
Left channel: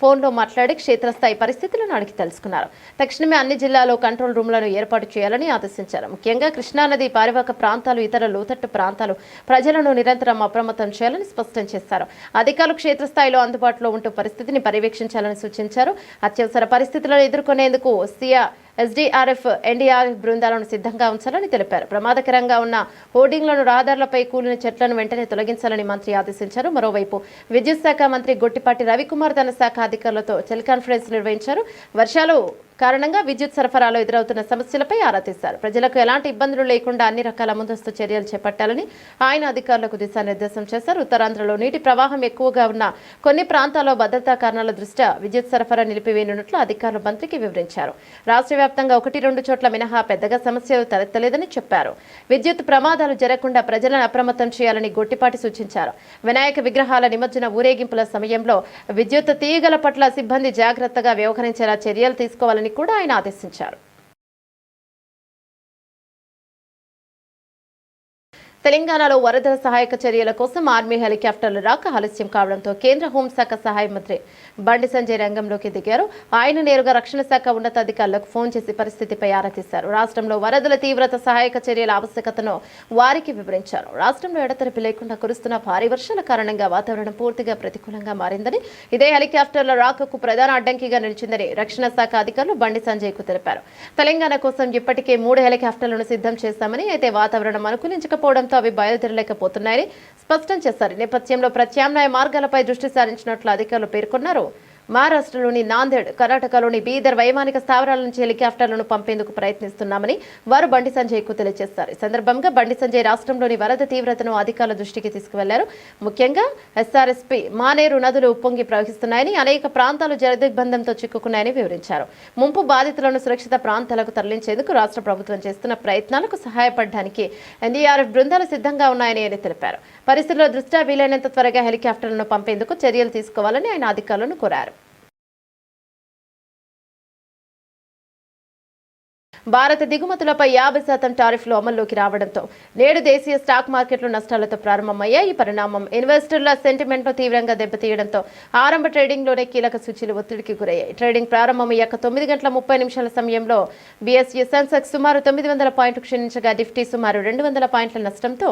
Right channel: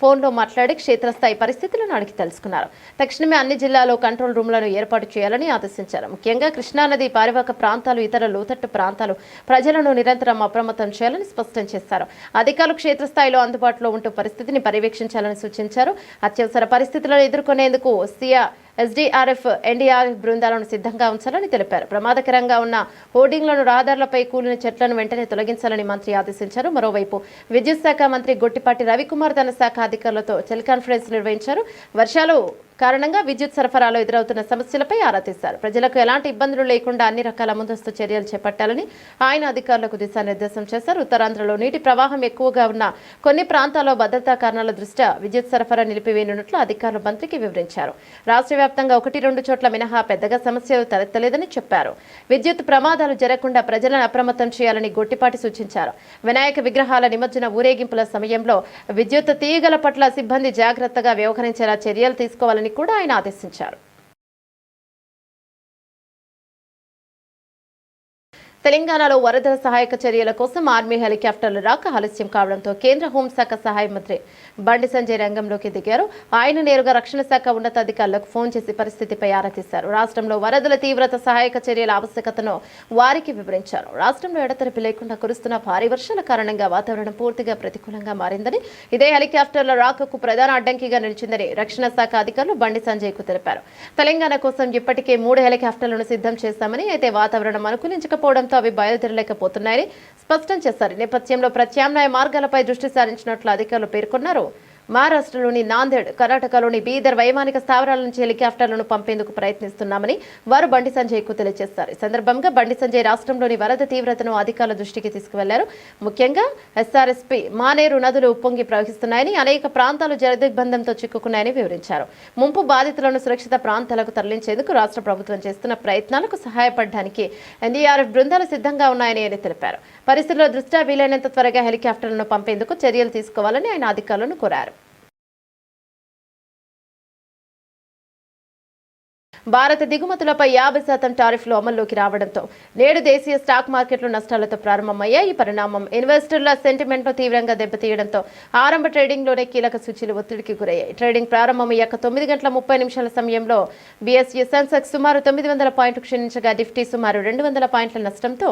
ఫోన్లో మాట్లాడి క్షేత్రస్థాయి పరిస్థితులను అడిగి తెలుసుకున్నారు. తక్షణమే అన్ని జిల్లాల్లో కంట్రోల్ రూమ్లను ఏర్పాటు చేయాలని ఆదేశించారు. ముఖ్యంగా కృష్ణానది పరివాహక ప్రాంతాలు, ఇతర లోతట్టు ప్రాంతాలు ప్రజలను నిరంతరం అప్రమత్తం చేయాలని స్పష్టం చేశారు. అధికారులు క్షేత్రస్థాయిలో అందుబాటులో ఉంటూ పరిస్థితిని పర్యవేక్షించాలని సూచించారు. అత్యవసర పరిస్థితులను ఎదుర్కొనేందుకు ఎస్డీఆర్ఎఫ్, ఎన్డీఆర్ఎఫ్ బృందాలను సిద్ధంగా ఉంచాలని తెలిపారు. ప్రమాదకరంగా ఉన్న హోర్డింగ్లను, రహదారులపై కూలిన చెట్లను వెంటనే తొలగించాలని మంత్రి ఆదేశించారు. మరోవైపు విద్యుత్ శాఖ మంత్రి గొట్టిపాటి రవికుమార్ తన శాఖ అధికారులతో టెలికాన్ఫరెన్స్ నిర్వహించారు. వర్షాలు కారణంగా విద్యుత్ సరఫరాలో ఎదురవుతున్న సమస్యలపై ఆరా తీశారు. ప్రజలకు ఎలాంటి ఇబ్బందులు లేకుండా అన్ని రకాల ముందస్తు చర్యలు చేపట్టాలని ఆయన అధికారులకు దిశానిర్దేశం చేశారు. ఉత్తరాంధ్రలో నీటి ప్రవాహం ఎక్కువగా ఉన్న కొన్ని ప్రాంతాల్లో భద్రతా కారణాల దృష్ట్యా విద్యుత్ సరఫరా నిలిపివేయనున్నట్లు అధికారులు మంత్రికి వివరించారు. రాష్ట్ర వ్యాప్తంగా 1-2 చోట్ల మినహా పెద్దగా సమస్యలు తలెత్తలేదని చెప్పారు. విద్యుత్ ప్రమాదాలు జరగకుండా ప్రజలను అప్రమత్తం చేయాలని గొట్టిపాటి సూచించారు. వినాయక విగ్రహాల నిమజ్జన ఊరేగింపుల సమయంలో విద్యుత్ తీగల పట్ల సిబ్బంది జాగ్రత్తగా వ్యవహరించేలా చర్యలు తీసుకోవాలని కూడా ఆయన ఆదేశించారు. తెలంగాణలో వరదల సహాయక చర్యల కోసం ఆర్మీ హెలికాప్టర్లు రాక ఆలస్యం కావడంతో కేంద్ర హోంశాఖ సహాయ మంత్రి బండి సంజయ్ రంగంలోకి దిగారు. ఆయన నేరుగా రక్షణ శాఖ ఉన్నతాధికారులకు ఫోన్ చేసి పరిస్థితిపై ఆరా తీశారు. రాష్ట్రంలో వరదల తీవ్రత, సహాయక చర్యల ఆవశ్యకతను వారికి వివరించారు. రాష్ట్రంలో ఎడతెరిపి లేకుండా కురుస్తున్న భారీ వర్షాల కారణంగా వాతావరణం పూర్తిగా ప్రతికూలంగా మారిందని, ఇదే హెలికాప్టర్ల రాకకు ప్రధాన అడ్డంకిగా నిలిచిందని రక్షణ శాఖ అధికారులు బండి సంజయ్ కు తెలిపారు. తెలంగాణ కోసం ఇప్పటికే 3 హెలికాప్టర్లను సిద్ధం చేశామని, అయితే వాతావరణం అనుకూలించకపోవడంతో అవి బయలుదేరలేకపోతున్నాయని స్పష్టం చేశారు. నేపథ్యంలో ప్రత్యామ్నాయ మార్గాలపై దృష్టి సారించినట్లు అధికారులు పేర్కొన్నారు. మహారాష్ట్రలోని నాందేడ్, కర్ణాటకలోని బీదర్ వైమానిక స్థావరాల నుంచి హెలికాప్టర్లను పంపేందుకు ప్రయత్నిస్తున్నామని వారు బండి సంజయ్ కు తెలియజేశారు. ఈ సందర్భంగా బండి సంజయ్ రాష్ట్రంలోని వరద తీవ్రతను అధికారుల దృష్టికి తీసుకువెళ్లారు. ముఖ్యంగా ఎస్ఆర్ఎస్పీ, మానేరు నదులు ఉప్పొంగి ప్రవహిస్తున్నాయని, అనేక ప్రాంతాలు జలదిగ్బంధంతో చిక్కుకున్నాయని వివరించారు. ముంపు బాధితులను సురక్షిత ప్రాంతాలకు తరలించేందుకు రాష్ట్ర ప్రభుత్వం చేస్తున్న ప్రయత్నాలకు సహాయపడడానికి ఎన్డీఆర్ఎఫ్ బృందాలు సిద్ధంగా ఉన్నాయని ఆయన తెలిపారు. పరిస్థితుల దృష్ట్యా వీలైనంత త్వరగా హెలికాప్టర్లను పంపేందుకు చర్యలు తీసుకోవాలని ఆయన అధికారులను కోరారు. భారత దిగుమతులపై 50% టారిఫ్లు అమల్లోకి రావడంతో నేడు దేశీయ స్టాక్ మార్కెట్లు నష్టాలతో ప్రారంభమయ్యాయి. ఈ పరిణామం ఇన్వెస్టర్ల సెంటిమెంట్ను తీవ్రంగా దెబ్బతీయడంతో ఆరంభ ట్రేడింగ్లోనే కీలక సూచీలు ఒత్తిడికి గురయ్యాయి. ట్రేడింగ్ ప్రారంభమయ్యాక 9:30 సమయంలో బీఎస్ఈ సెన్సెక్స్ సుమారు 900 పాయింట్లు క్షీణించగా నిఫ్టీ సుమారు 200 పాయింట్ల నష్టంతో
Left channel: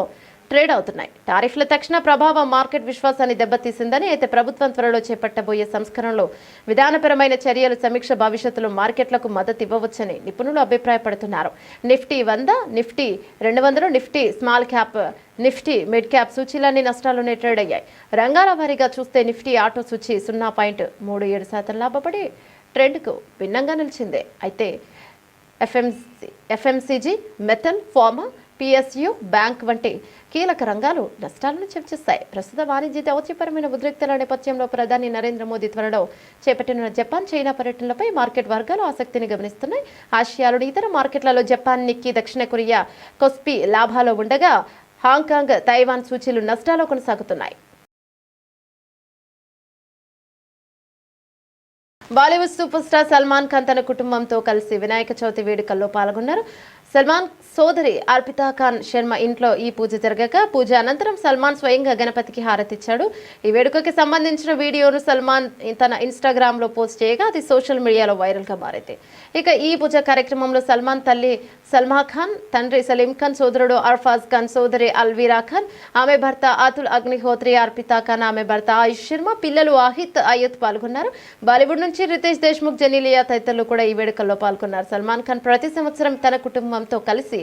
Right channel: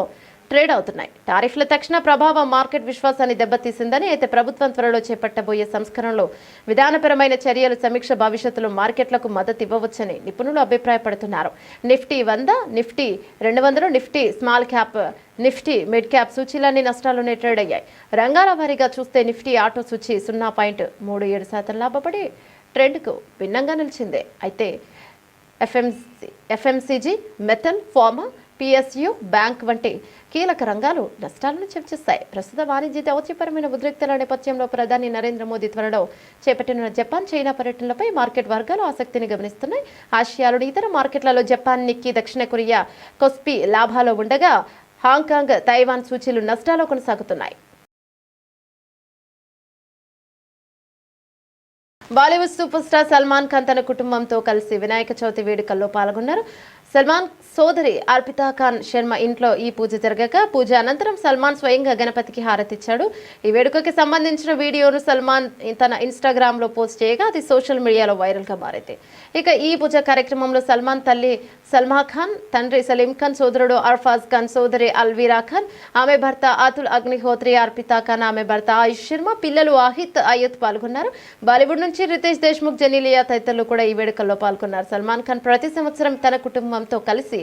ట్రేడ్ అవుతున్నాయి. టారిఫ్ల తక్షణ ప్రభావం మార్కెట్ విశ్వాసాన్ని దెబ్బతీసిందని, అయితే ప్రభుత్వం త్వరలో చేపట్టబోయే సంస్కరణలు, విధానపరమైన చర్యలు సమీక్ష భవిష్యత్తులో మార్కెట్లకు మద్దతు ఇవ్వవచ్చని నిపుణులు అభిప్రాయపడుతున్నారు. Nifty 100, Nifty 200, Nifty small cap, Nifty mid cap సూచీలన్నీ నష్టాల్లోనే ట్రేడ్ అయ్యాయి. రంగాల వారీగా చూస్తే నిఫ్టీ ఆటో సూచీ 0.37% లాభపడి ట్రెండ్కు భిన్నంగా నిలిచింది. అయితే FMCG, metal, pharma, PSU, bank వంటి కీలక రంగాలు నష్టాలను చవిచూస్తాయి. ప్రస్తుత వాణిజ్య దౌత్యపరమైన ఉద్రిక్తల నేపథ్యంలో ప్రధాని నరేంద్ర మోదీ త్వరలో చేపట్టిన జపాన్, చైనా పర్యటనలపై మార్కెట్ వర్గాలు ఆసక్తిని గమనిస్తున్నాయి. ఆసియాలోని ఇతర మార్కెట్లలో జపాన్, నిక్కీ, దక్షిణ కొరియా, కొస్పీ లాభాల్లో ఉండగా హాంకాంగ్, తైవాన్ సూచీలు నష్టాల్లో కొనసాగుతున్నాయి. బాలీవుడ్ సూపర్ స్టార్ సల్మాన్ ఖాన్ తన కుటుంబంతో కలిసి వినాయక చవితి వేడుకల్లో పాల్గొన్నారు. సల్మాన్ సోదరి అర్పితా ఖాన్ శర్మ ఇంట్లో ఈ పూజ జరగగా పూజ అనంతరం సల్మాన్ స్వయంగా గణపతికి హారతిచ్చాడు. ఈ వేడుకకి సంబంధించిన వీడియోను సల్మాన్ తన ఇన్స్టాగ్రామ్ లో పోస్ట్ చేయగా అది సోషల్ మీడియాలో వైరల్ గా మారింది. ఇక ఈ పూజ కార్యక్రమంలో సల్మాన్ తల్లి సల్మా ఖాన్, తండ్రి సలీం ఖాన్, సోదరుడు అర్ఫాజ్ ఖాన్, సోదరి అల్వీరా ఖాన్, ఆమె భర్త అతుల్ అగ్నిహోత్రి, అర్పితా ఖాన్, ఆమె భర్త ఆయుష్ శర్మ, పిల్లలు అయ్యత్ పాల్గొన్నారు. బాలీవుడ్ నుంచి రితేష్ దేశ్ముఖ్, జెనీలియా తదితరులు కూడా ఈ వేడుకల్లో పాల్గొన్నారు. సల్మాన్ ఖాన్ ప్రతి సంవత్సరం తన కుటుంబంతో కలిసి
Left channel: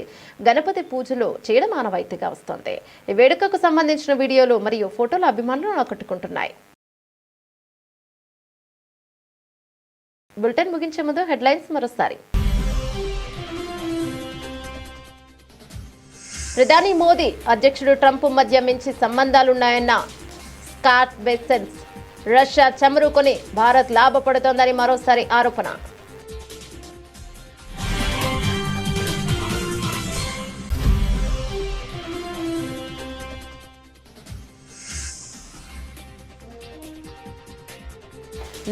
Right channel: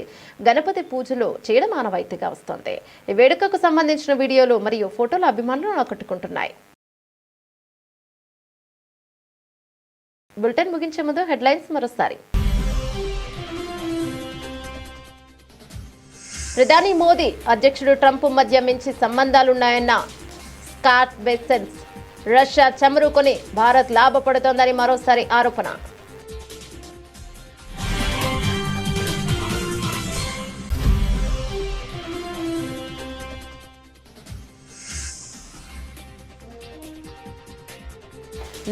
గణపతి పూజలు చేయడం ఆనవాయితీగా వస్తోంది. ఈ వేడుకకు సంబంధించిన వీడియోలు మరియు ఫోటోలు అభిమానులను ఆకట్టుకుంటున్నాయి. బులెటిన్ ముగించే ముందు హెడ్లైన్స్ మరోసారి. ప్రధాని మోదీ, అధ్యక్షుడు ట్రంప్ మధ్య మించి సంబంధాలున్నాయన్న స్కాట్ బెసెన్స్. రష్యా చమురు కొని భారత్ లాభపడుతోందని మరోసారి ఆరోపణ.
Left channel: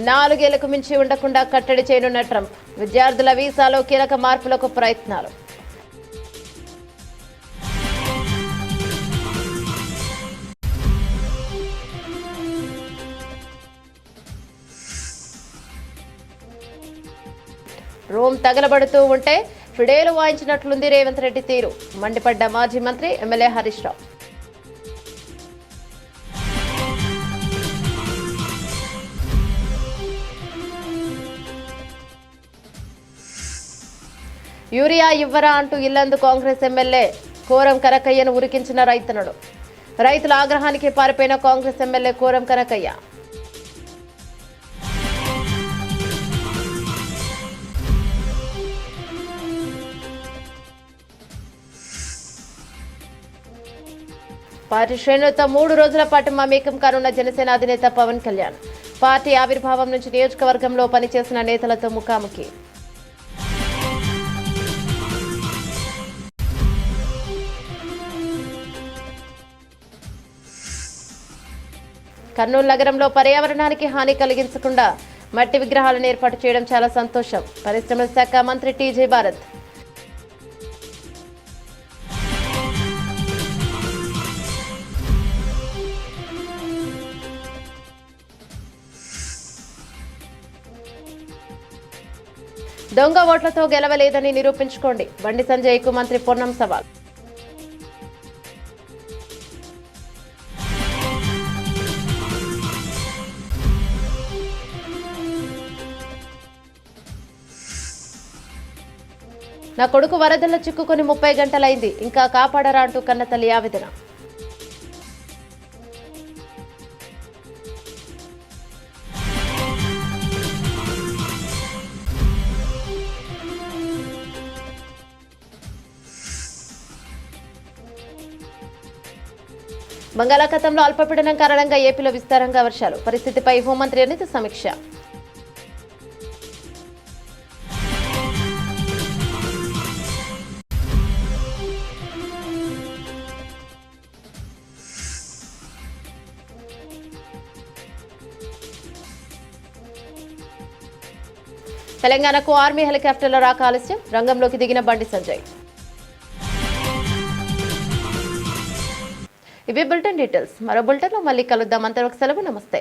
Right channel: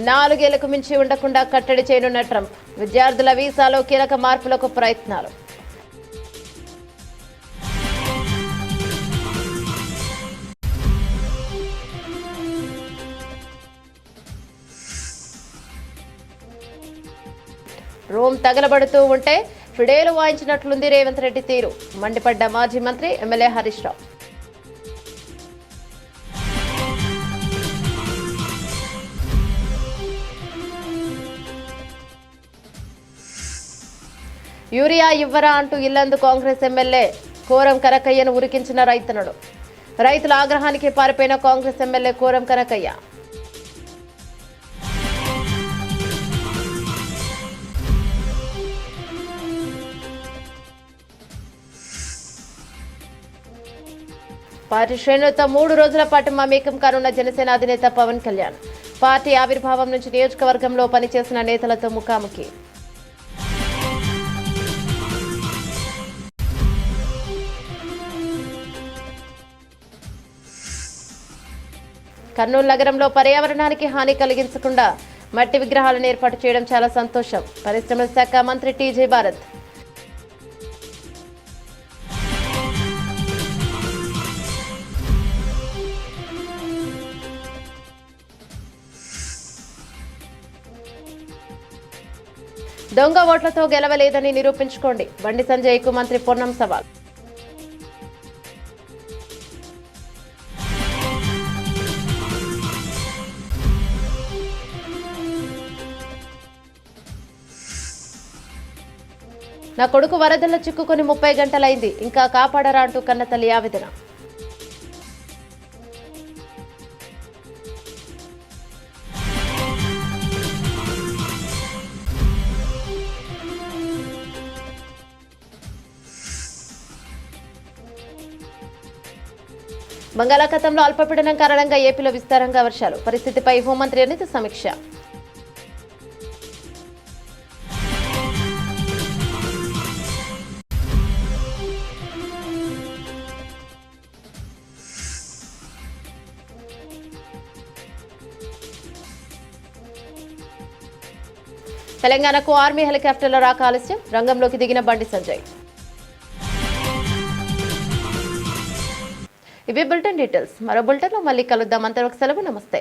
నాలుగేళ్లకు మించి ఉండకుండా కట్టడి చేయనున్న ట్రంప్. విద్యార్థుల వీసాలో కీలక మార్పులకు ప్రయత్నాలు. రూమ్ తగలబడుతూ ఉంటే ఫిడేలు వాయించినట్లుంది రేవంత్ రెడ్డి తీరు. మండిపడ్డ మాజీ మంత్రి, ఎమ్మెల్యే హరీష్ రావు. యూరియా ఇవ్వరా అంటూ ఇల్లందు కాంగ్రెస్ ఎమ్మెల్యే కోరం కనకయ్యను ఉరికించిన రైతన్నలు. రైతుల ఆగ్రహానికి పారిపోయిన Congress MLA Koram Kanakayya. Party శ్రేణులతో 3 రోజుల పాటు మమేకం కానున్న జనసేన అధినేత పవన్ కళ్యాణ్. పార్టీ ఆవిర్భావం నుంచి నియోజకవర్గంలో పనిచేసిన నేతలతో ముఖాముఖి. కర్నూలు నగరంలో పర్యావరణానికి హాని కలిగించకుండా మట్టి విగ్రహాలను ఏర్పాటు చేయడం చాలా సంతోషం. పరిశ్రమల శాఖ మంత్రి టీజే భారత్. దొంగ ఓట్లతో గెలవలేదని నిరూపించుకోండి. బండి సంజయ్కు మంత్రి పొన్నం సవాల్. నా కొడుకు వరదల్లో చిక్కుకొని 30 గంటలైంది, ఇంకా కాపాడరా అంటూ కన్నతల్లి ఆవేదన. బంగాళాఖాతంలో అల్పపీడనం కారణంగా ఏపీలో విస్తారంగా వర్షాలు. పరిస్థితిపై హోంమంత్రి అనిత సమీక్ష. తెలంగాణకు ఆర్మీ హెలికాప్టర్ల రాక ఆలస్యం. రంగంలోకి దిగిన బండి సంజయ్. ఇవి బులెటిన్ డీటెయిల్స్. మరో బులెటిన్లో మళ్ళీ కలుద్దాం. అంతవరకు సెలవు. నమస్తే.